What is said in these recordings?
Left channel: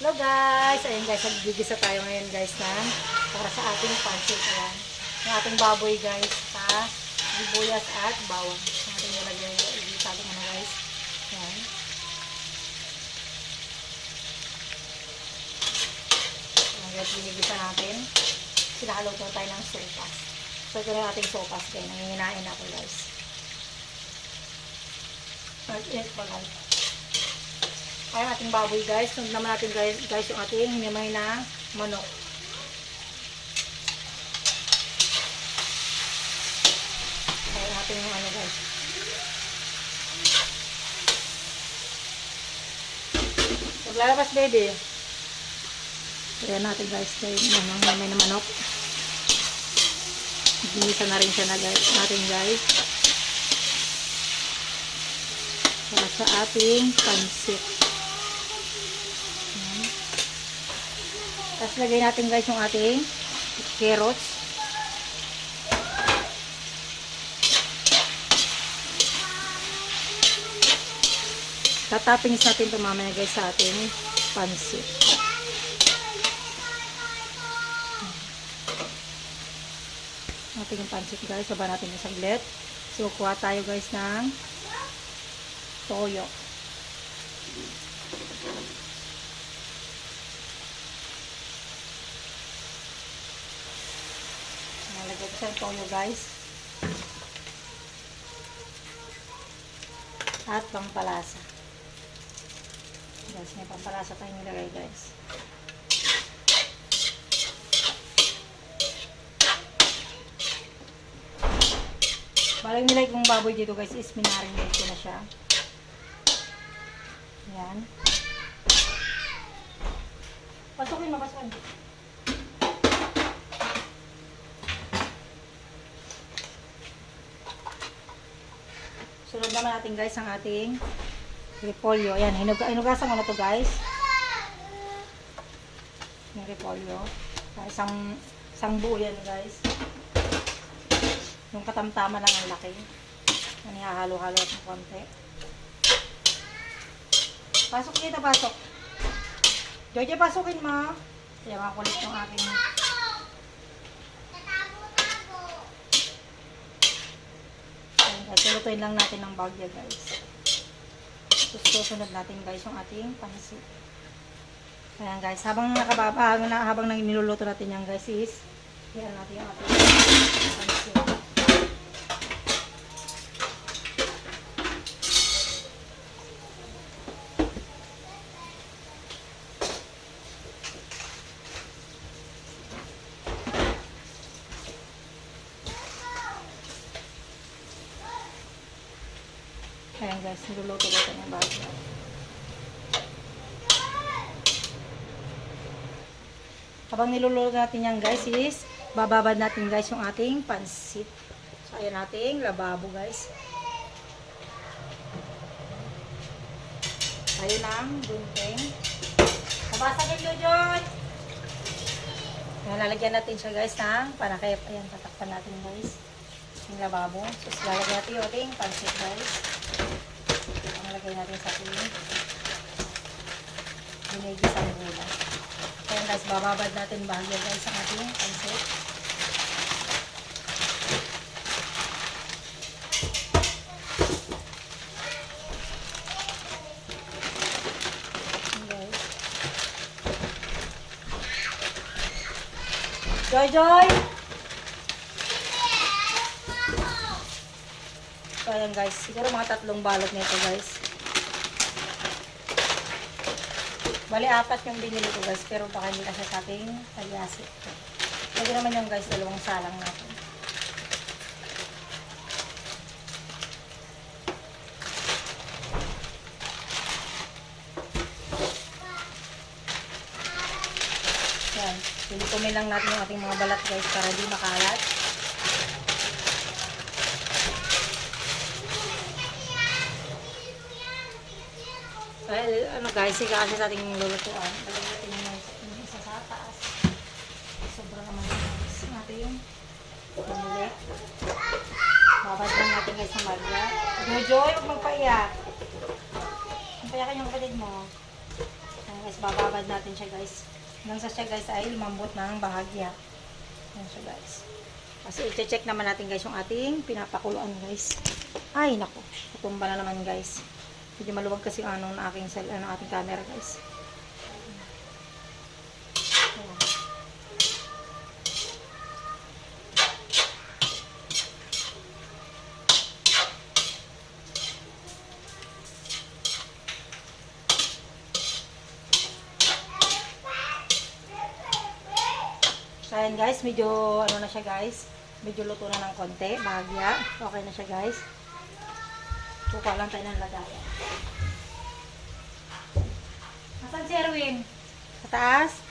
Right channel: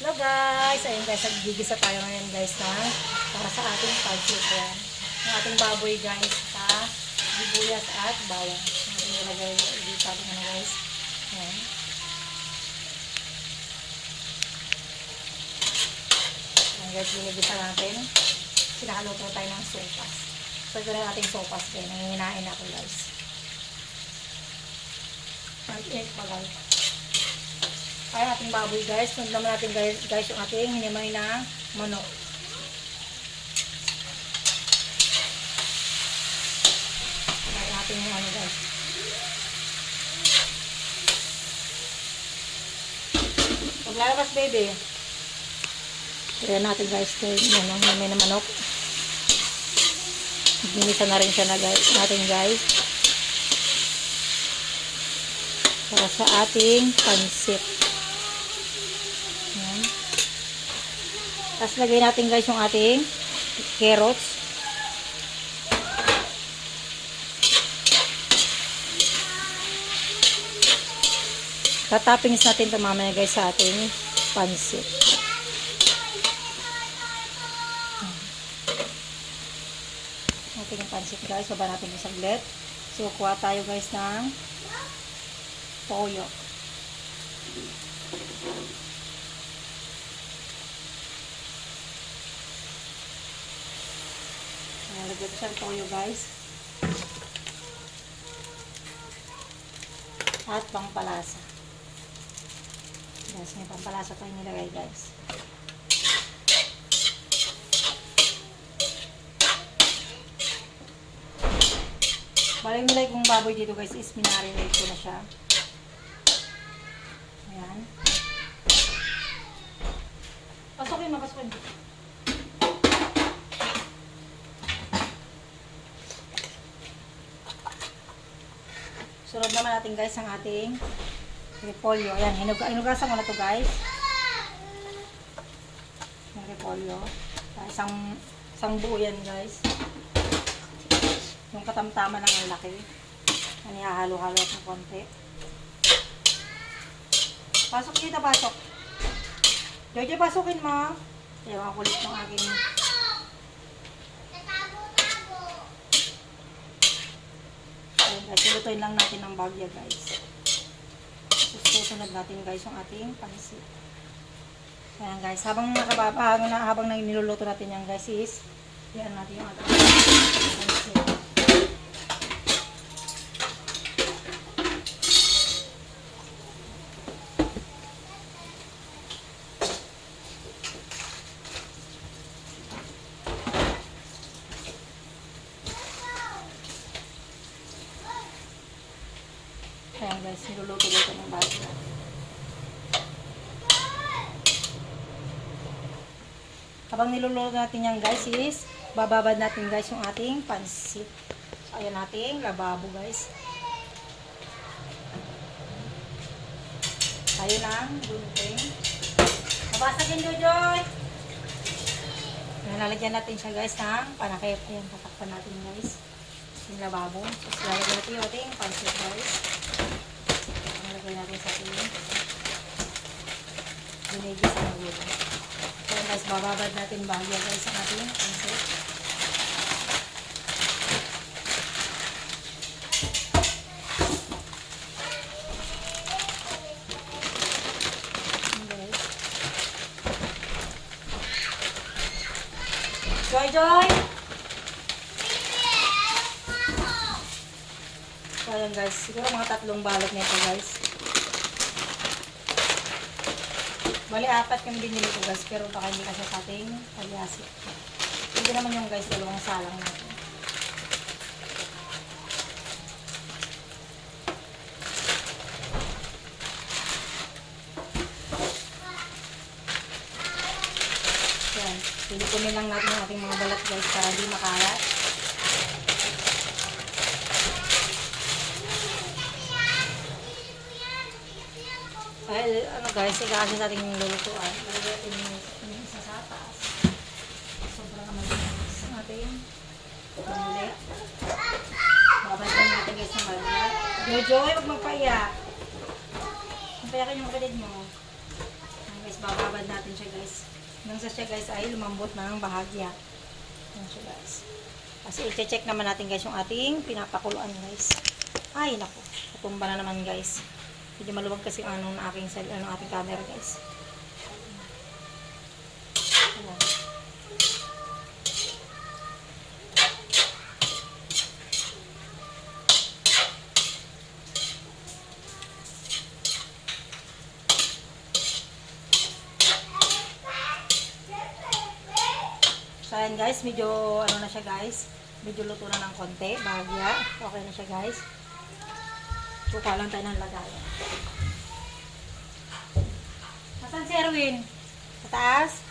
Hello guys! Ayun guys, naggigisa tayo ngayon guys para sa ating pancit. Ayan. Yung ating baboy guys sa sibuyas at bawang. Yung ating nilagay dito ating guys. Ayan. Ayan guys, ginigisa natin. Sinakalo po tayo ng sopas. So ito na yung ating sopas guys. Nangininain natin guys. Mag-egg pa guys. Ayan ating baboy guys. Sunod naman natin guys yung ating hinimay na manok. Ayan ating guys. Paglalabas baby. Ayan natin guys. Hinimay na manok. Ginisa na rin siya na guys. Natin guys. Para sa ating pancit. Tapos lagay natin guys yung ating carrots. Tatapings natin ito mamaya guys sa ating pancit. Natin yung pancit guys. Baba natin yung saglit. So kuha tayo guys ng toyo. Nalagay ko siya toyo guys. At pampalasa. Guys, may pampalasa tayong nilagay guys. Bali nilagay kong baboy dito guys is minarinate ko na siya. Ayan. Pasukin mo, pasukin. Sunod naman natin guys ang ating repolyo. Ayan, hinugasan ko na to guys. Yung repolyo. Isang buo yan guys. Yung katamtama lang ang laki. Yan, ihahalo-halo natin konti. Pasok kita, pasok. Jojo, pasukin mo. Ayan, ang kulit ng aking... Lutuin lang natin ng bagya guys. Susunod natin guys yung ating pancit. Ayan guys, habang niluluto natin yan guys is ayan natin yung ating pancit. Ayan guys, niluluto-luto ng bagyo. Habang niluluto natin yan guys is bababad natin guys yung ating pancit. So ayan nating lababo guys. Tayo ng gunting. Mabasagin Jojoy! Ayan, lalagyan natin siya guys ng panakip. Ayan, tatakpan natin guys yung lababo. So lalagyan natin yung ating pancit guys. Lagay natin sa ating binigisa ng gula. Kaya guys, bababad natin bahagya guys ang ating pancit. Guys. Joy! So ayan guys, siguro mga 3 balot nito guys. Bali 4 yung binili ko guys, pero baka hindi kasi sa ating talyasi. Pwede naman yung guys, 2 salang natin. Ayan, pilipunin lang natin yung ating mga balat guys para di makalat. Ano guys, kasi natin yung lulutuan. Lulutuan natin yung isa sa taas. Sobrang amalis natin. Pumuli. Babad lang natin guys ng malya. Jojo, huwag magpaiyak. Magpaiyak yung kapatid mo. Guys, bababad natin siya guys. Hanggang sa siya guys ay lumambot ng bahagya. Yan siya guys. Kasi i-check naman natin guys yung ating pinapakuluan guys. Ay naku, natumba na naman guys. Medyo maluwag kasi ang ano ng aking ating camera guys. Ayan. So ayan guys, medyo ano na siya guys. Medyo luto na ng konti, bahagya. Okay na siya guys. Suka lang tayo ng lagayan. Nasaan si Erwin? Sa taas?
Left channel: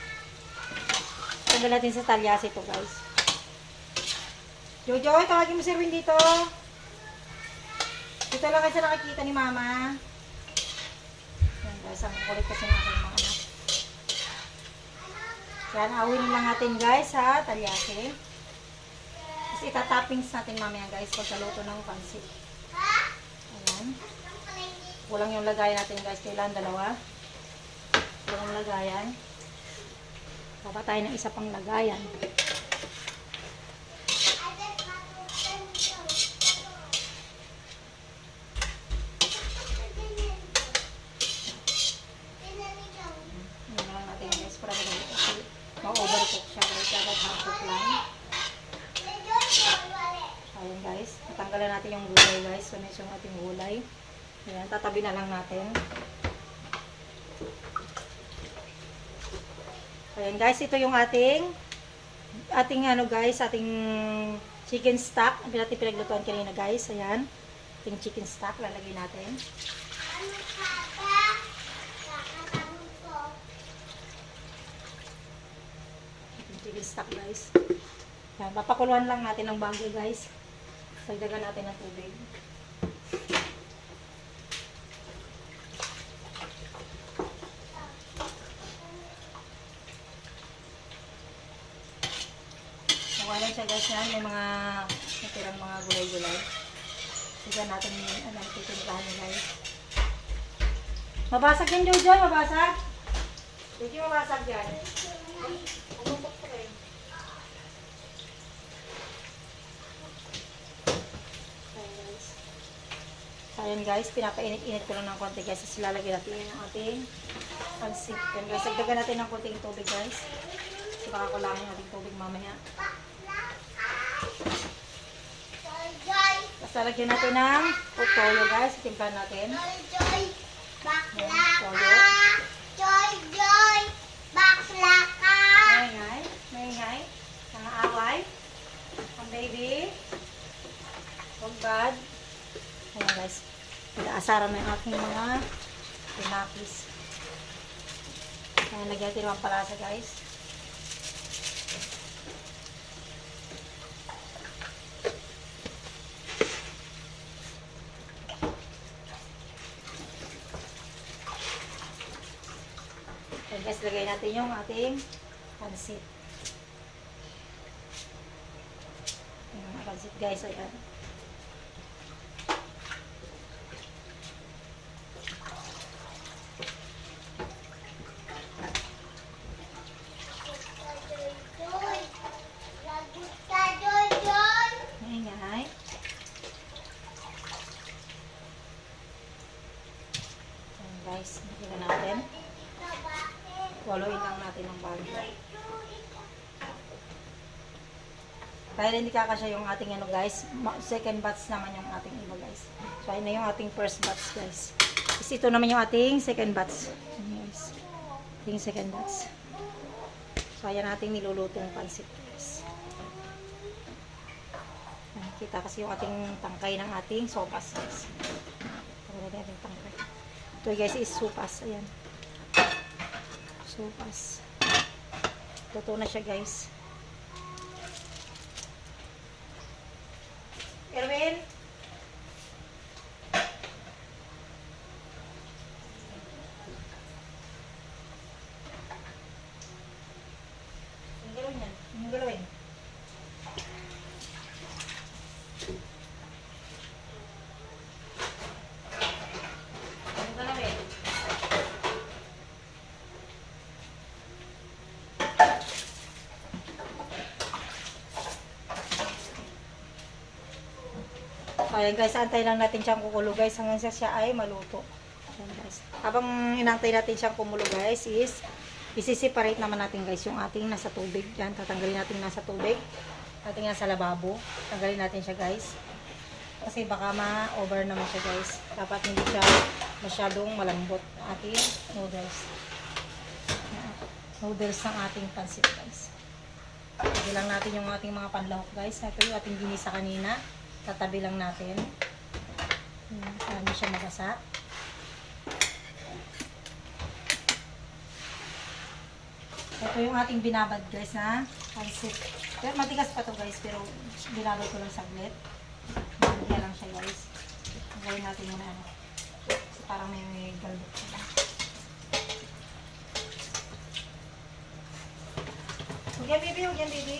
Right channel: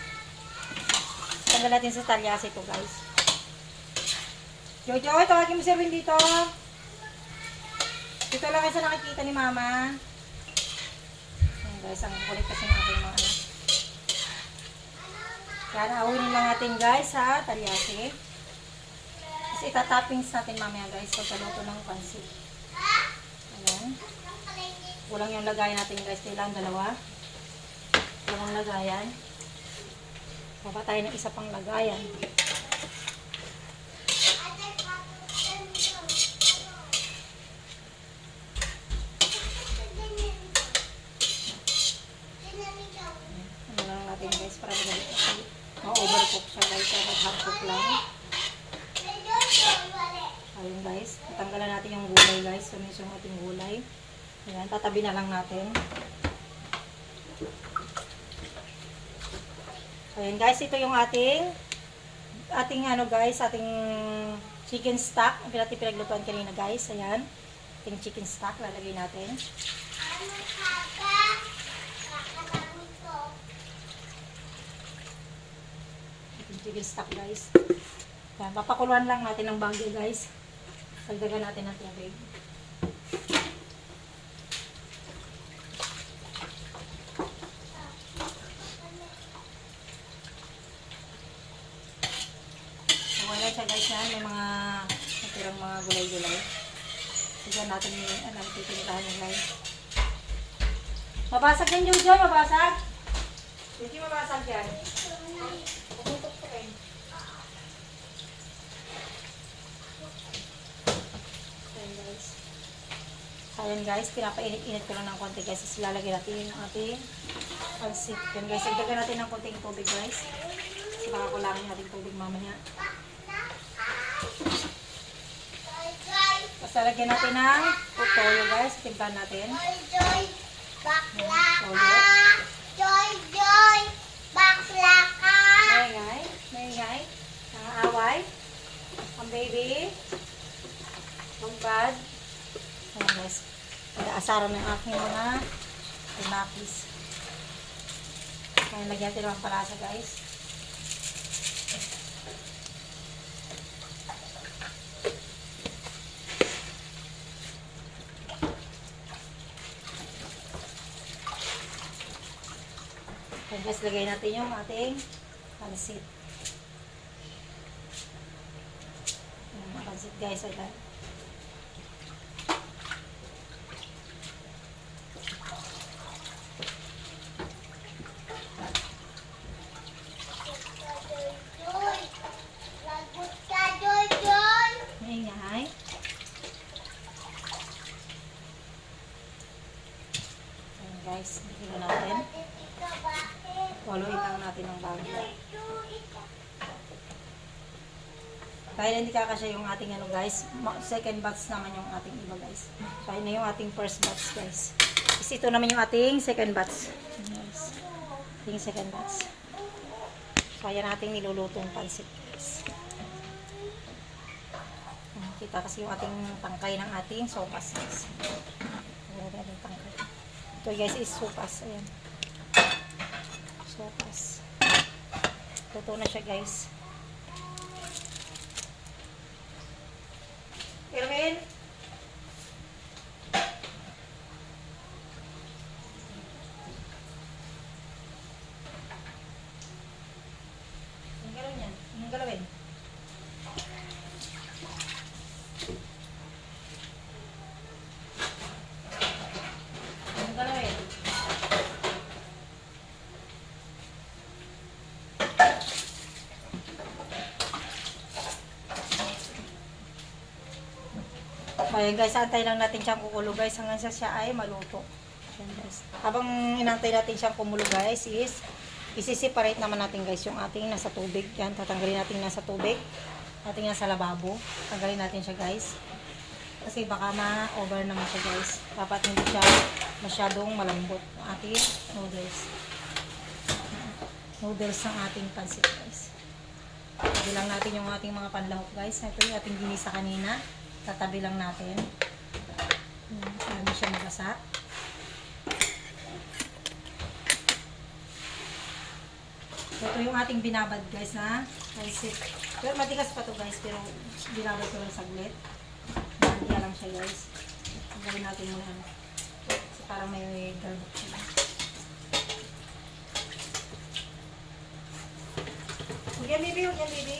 Tanggal natin sa talyas ito guys. Jojo, tawagin mo si Erwin dito. Dito lang kayo sa nakikita ni Mama. Ayan guys, ang kulit kasi ng aking mga anak. Kaya naawin lang natin guys sa talyase. Kasi itatoppings natin mamaya guys pagkaluto ng pansit. Ayan. Walang yung lagayan natin guys. Kailan dalawa. Walang lagayan. Baba tayo ng isa pang lagayan. Para madali kasi ma-overcook siya guys. Dapat half-cook lang. Ayun guys. Tatanggalan natin yung gulay guys. Sunis yung ating gulay. Ayan. Tatabi na lang natin. Ayan guys. Ito yung ating ano guys. Ating chicken stock. Ang natin pinaglutuan kanina guys. Ayan. Ating chicken stock. Lalagay natin. Chicken stock guys. Ayan, papakuluan lang natin ng bangge guys. Sagdagan natin ng tubig. Nawalan siya guys yan. May mga natirang mga gulay-gulay. Sagdagan natin yung titinitahan yung guys. Mabasag yan Jojo, mabasag. Hindi mabasag yan. Pumutok ko kayo. Ayan guys, pinapainit-init ko lang ng konti guys. Tapos lalagyan natin yung ating pansit. Yan guys, sagdagan natin ng konting tubig guys. Kasi baka kulangin natin tubig mamaya. Tapos lalagyan natin ng toyo guys. Timplahan natin. Maingay. Mga away. Ang baby. Bad. Ayan guys. Pinaasaran ng aking mga tinakis. Ayan, lagyan natin ang palasa guys. Ayan guys, lagay natin yung ating pansit. Ayan, pansit guys. Ayan. Guys, tingnan natin. Follow-in lang natin ng bagay. Kaya hindi kakasya yung ating ano guys. Second batch naman yung ating iba guys. So ayun na yung ating first batch guys. Kasi ito naman yung ating second batch. Yes. Ating second batch. So ayan nating nilulutong pansit guys. Kita kasi yung ating tangkay ng ating sopas guys. Ayan yung tangkay. Ito guys is sopas. Ayan. Sopas. Luto na siya guys. Erwin? Ang galawin yan. Ang galawin. So ayan guys, antay lang natin siyang kukulo guys hanggang sa siya ay maluto. Ayan guys. Habang inantay natin siyang kumulo guys is isi-separate naman natin guys yung ating nasa tubig. Yan, tatanggalin natin nasa tubig. Ating nasa lababo. Tanggalin natin siya guys. Kasi baka ma-over naman siya guys. Dapat hindi siya masyadong malambot ang ating noodles. Noodles ng ating pansit guys. Tabi lang natin yung ating mga panlahok guys. Ito yung ating ginisa kanina. Tatabi lang natin. Para hindi siya magasa. Ito yung ating binabad guys na pansit. Pero matigas pa to guys. Pero binabad ko lang saglit. Bandiya lang siya guys. Tanggalin natin muna ano. So, parang may galbok siya. Huwag yan baby, huwag yan baby.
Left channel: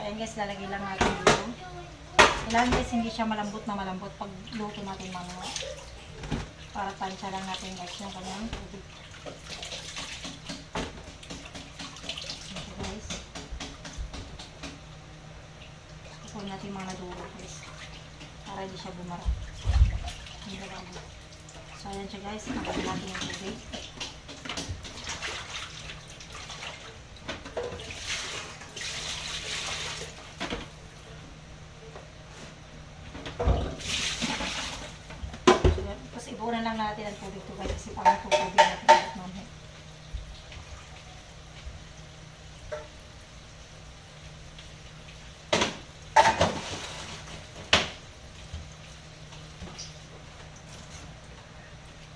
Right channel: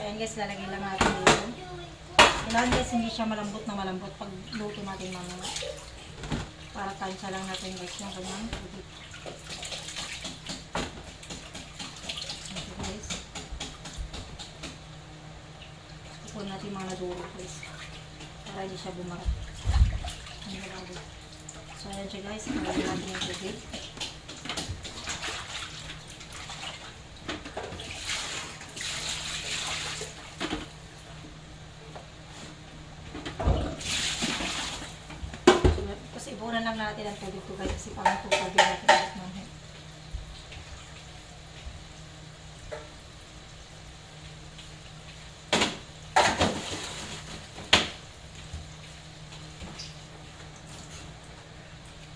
Ayan guys, lalagay lang natin dito. Kailangan guys, hindi siya malambot na malambot pag luto natin mamaya. Para tansya lang natin guys yung kanyang tubig. Ito guys. Ipon natin mga naduro guys. Para hindi siya bumara. So ayan siya guys, nalagay natin yung tubig. Ibunan lang natin ang tubig to guys kasi parang tubig natin ulit namin.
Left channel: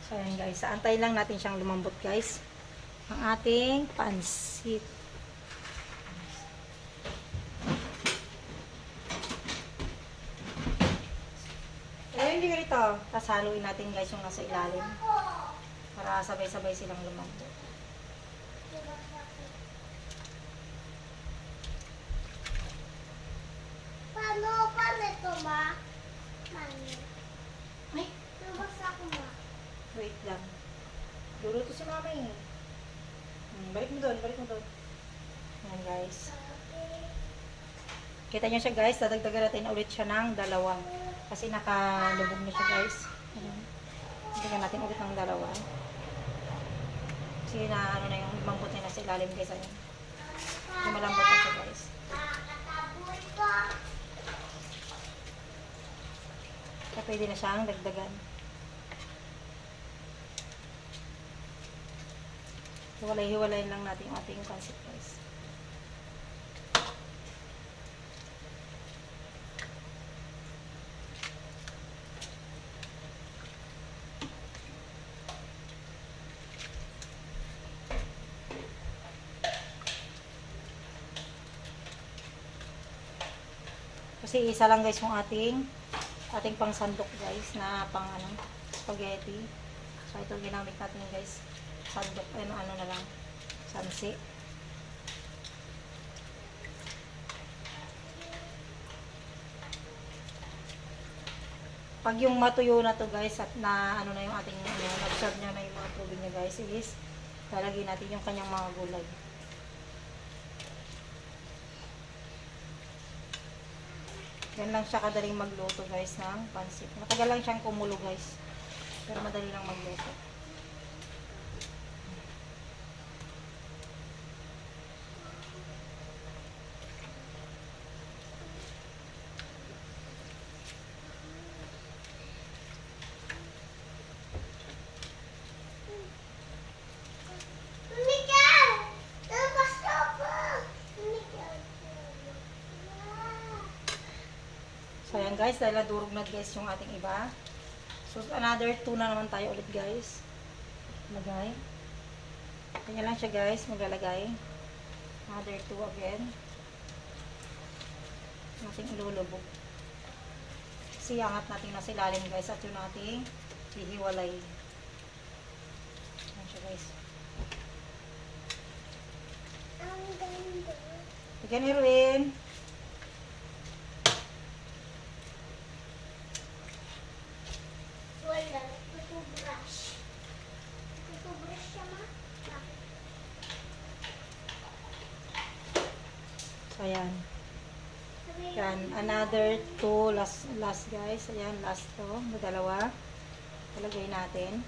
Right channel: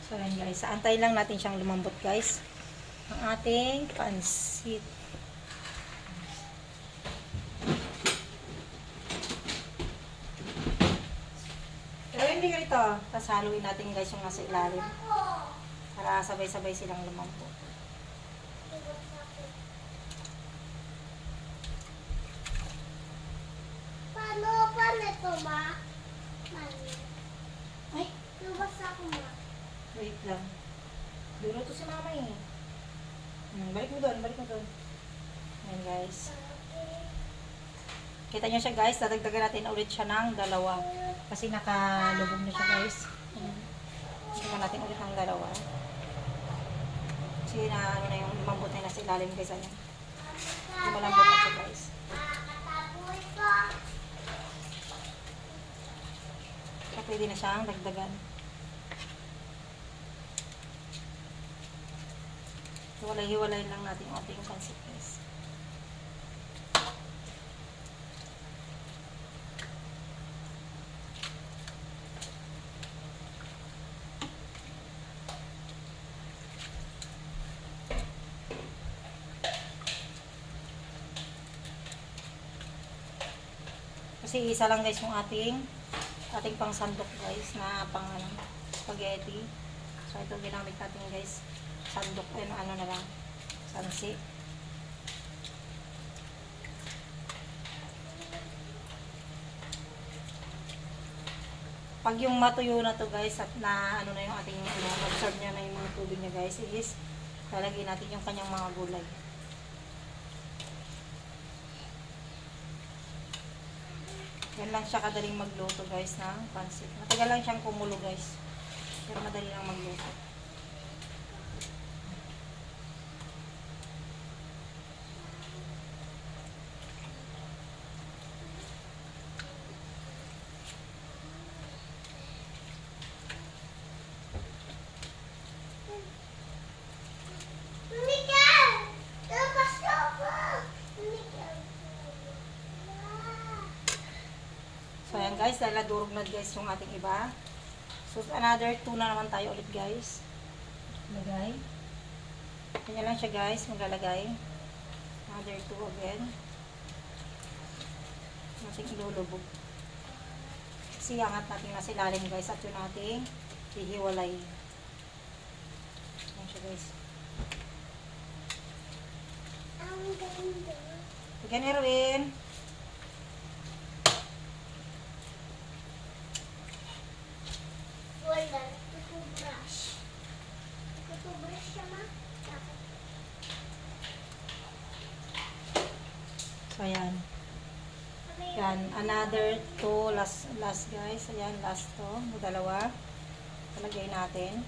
So ayan guys, antayin lang natin siyang lumambot guys. Ang ating pansit. Hindi rito. Tapos haluin natin guys yung nasa ilalim. Para sabay-sabay silang lumambot. Paano ito, ma? Ay, Nabasa ko, ma. wait lang. Dulo to si mama eh. Balik mo doon, balik mo doon. Ayan guys. Kita nyo siya guys, dadagdagan natin ulit siya ng dalawa. Kasi nakalubog na siya guys. Dagdagan natin ulit ng dalawa. Sige na ano na yung lumambot na nasa ilalim guys. Ayan. Malambot na siya guys. So pwede na siyang dagdagan. Hiwalay-hiwalay lang natin yung ating pansit guys. Kasi isa lang guys yung ating pang sandok guys na pang ano, spaghetti. So ito ginamit natin guys. Sandok ay ano na lang. Sansi. Pag yung matuyo na to guys at na ano na yung ating absorb niya na yung mga tubig niya guys, is lalagyan natin yung kanyang mga gulay. Yan lang siya kadaling magluto guys ng pansit. Matagal lang siyang kumulo guys. Pero madali lang magluto. So yan guys, dahil nadurog na guys yung ating iba. So another 2 na naman tayo ulit guys. Lagay. Kanya lang siya guys, maglalagay. Another 2 again. Ating ilulubog. Kasi angat natin mas ilalim guys at yun natin hihiwalay. Ayan siya guys. Again, Erwin. Wala. Ito-brush. Ito-brush siya, ma. So, ayan. Sabi, Yan. Ayan, another 2 last guys. Ayan, last to. Dalawa. Talagay natin.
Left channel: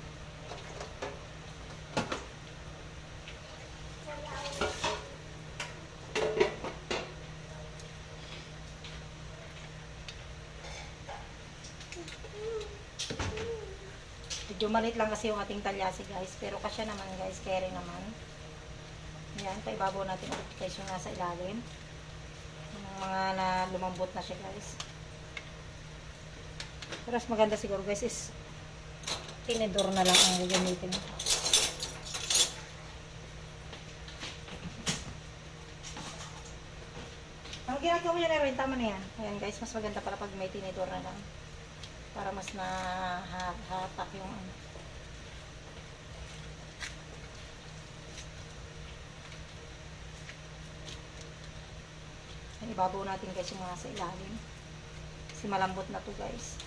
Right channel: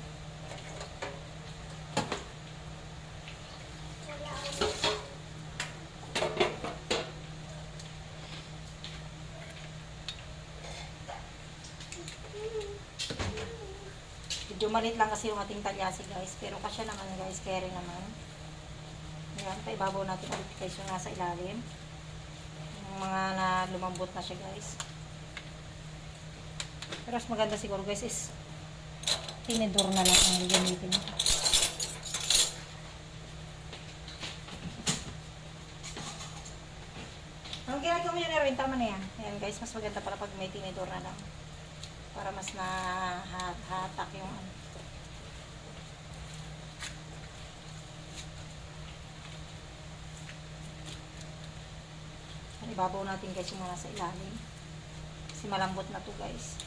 Medyo malit lang kasi yung ating talyasi guys. Pero kasya naman guys, carry naman. Ayan, paibabaw natin ulit guys yung nasa ilalim. Yung mga na lumambot na siya guys. Pero mas maganda siguro guys is tinidor na lang ang gagamitin ko. Ang ginagawa mo yun rin, tama na yan. Ayan guys, mas maganda para pag may tinidor na lang. Para mas nahatak yung ano. Ibabaw natin guys yung mga sa ilalim. Kasi malambot na to guys.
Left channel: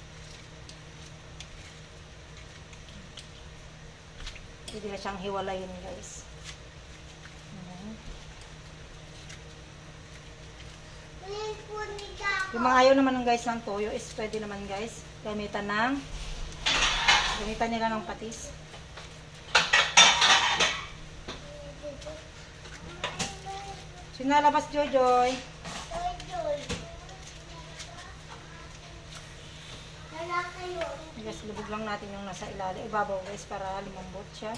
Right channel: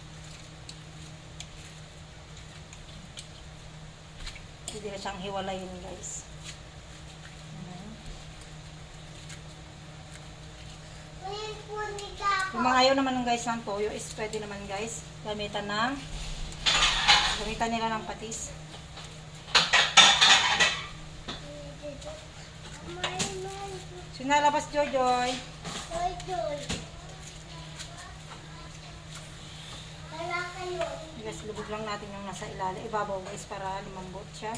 Hindi na siyang hiwalayin guys. Ayan. Yung mga ayaw naman ng guys ng toyo is pwede naman guys. Gamitan nila ng patis. Sinalabas Joy. Guys, lubog lang natin yung nasa ilalim. Ibabaw guys para lumambot siya.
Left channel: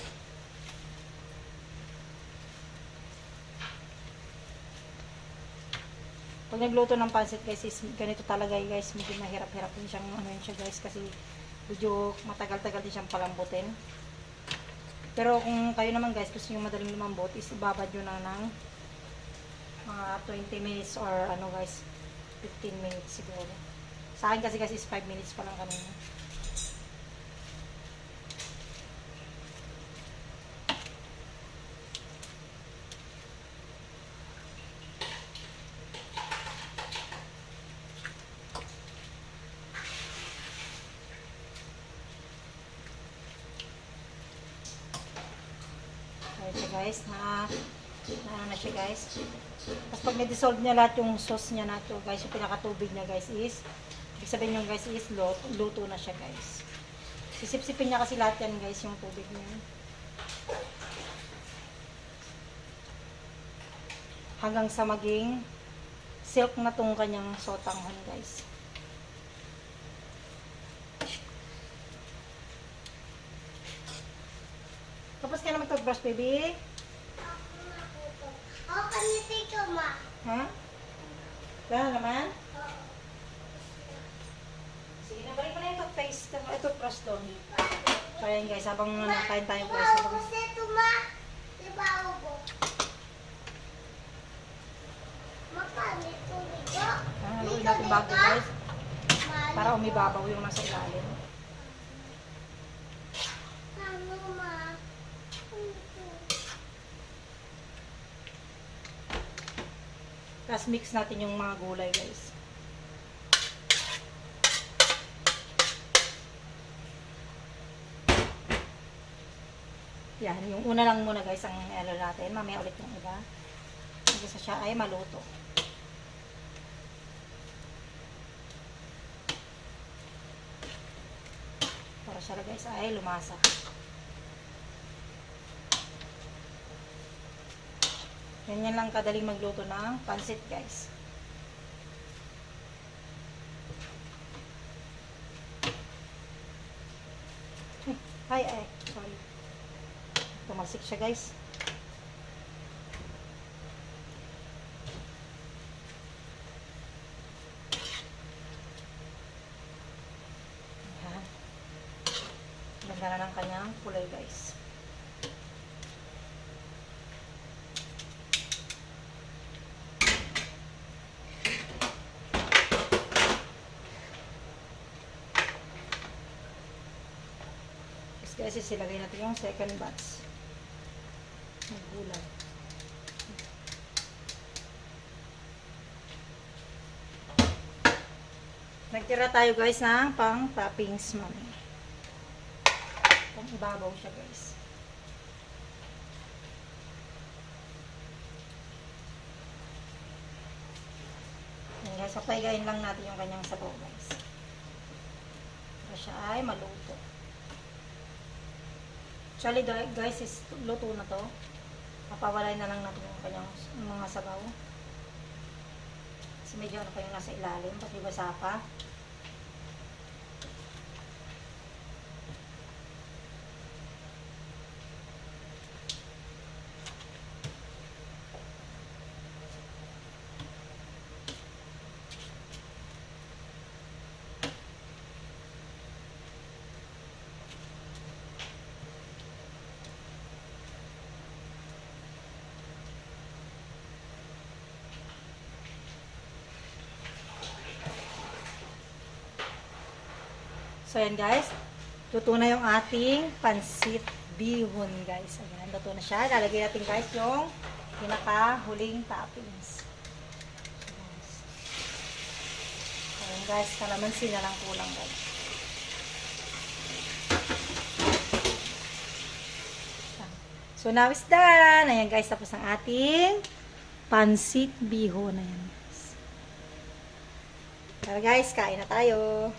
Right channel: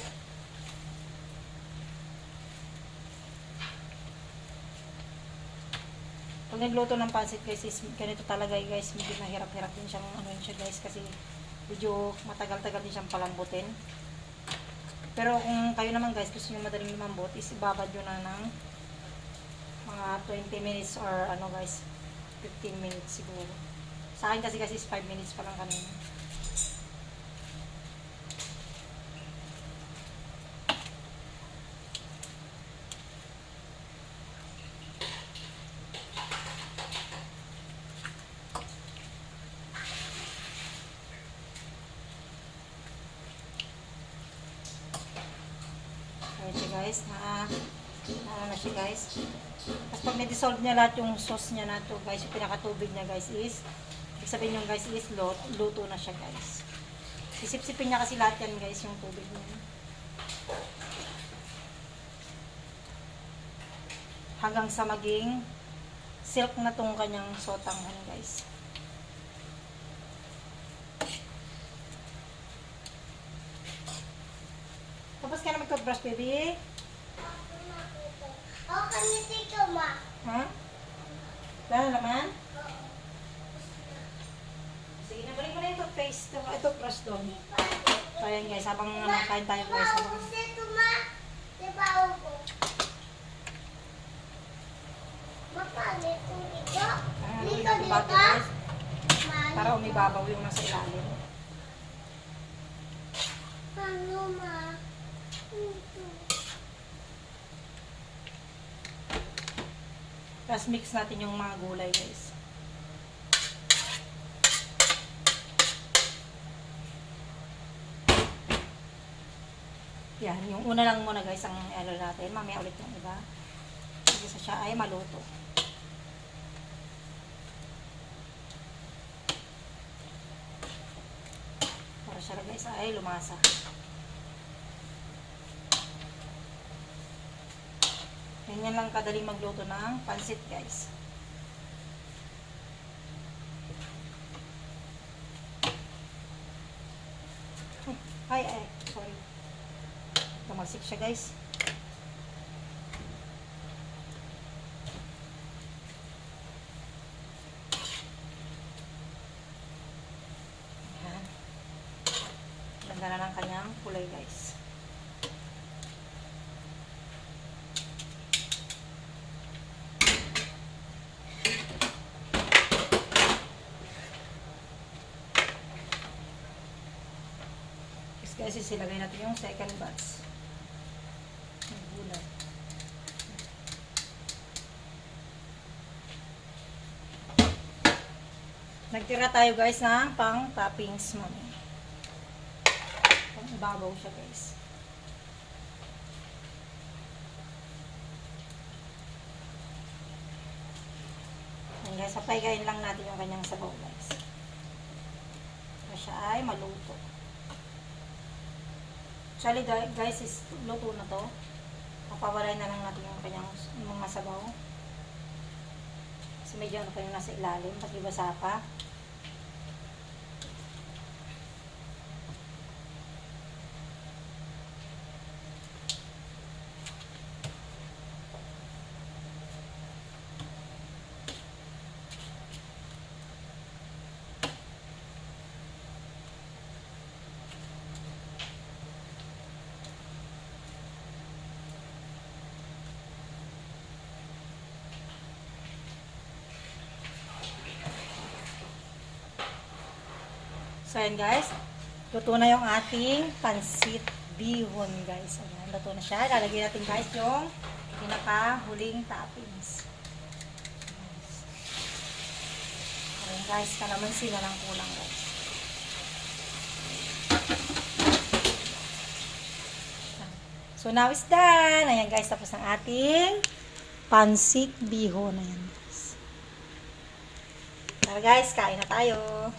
Pag nagluto ng pansit guys, is ganito talaga guys. Medyo mahirap-hirap din siyang ano siya guys. Kasi medyo matagal-tagal din siyang palambutin. Pero kung kayo naman guys, gusto nyo madaling lumambot, is ibabad nyo na ng mga 20 minutes or ano guys, 15 minutes siguro. Sa akin kasi is 5 minutes pa lang kanina. Ayan siya guys, na ano na siya guys. Tapos pag na-dissolve niya lahat yung sauce niya na to guys, yung pinakatubig niya guys is, ibig sabihin yung guys is luto na siya guys. Sisip-sipin niya kasi lahat yan guys, yung tubig niya. Hanggang sa maging silk na tong kanyang sotanghon guys. Tapos ka na mag-toothbrush baby? Ako kanito ito, ma. Ha? Wala naman? Sige na, balik mo na yung toothpaste. Toothbrush doon. So ayan guys, habang kain tayo guys. Habang... Maubos ito, ma. Diba ubos? Mapalit kung ito. Ang Dito, natin dito. bago guys. Malit. Para umibabaw yung nasa ilalim. Ano, ma? Tapos mix natin yung mga gulay guys. Yan, yung una lang muna guys ang ano natin. Mamaya ulit yung iba. Kasi siya ay maluto. Para siya guys ay lumasa. Ganyan lang kadaling magluto ng pansit guys. Ay, sorry. Tumalsik siya guys. Ayan. Ganda na ng kanyang kulay guys. Guys, isilagay natin yung second batch ng gulay. Nagtira tayo guys ng pang toppings mami. Pang ibabaw siya guys. Yan guys, guys. Papaigayin lang natin yung kanyang sabaw guys. Para siya ay maluto. Actually guys, is luto na to. Papawalay na lang natin yung kanyang mga sabaw. Kasi medyo ano pa yung nasa ilalim, pati basa pa. So, ayan guys. Luto na yung ating pansit bihon guys. Ayan, luto na siya. Lalagyan natin guys yung pinaka-huling toppings. Ayan guys, kalamansi na lang kulang guys. So, now is done. Ayan guys, tapos ang ating pansit bihon. Ayan guys. Tara guys, kain na tayo.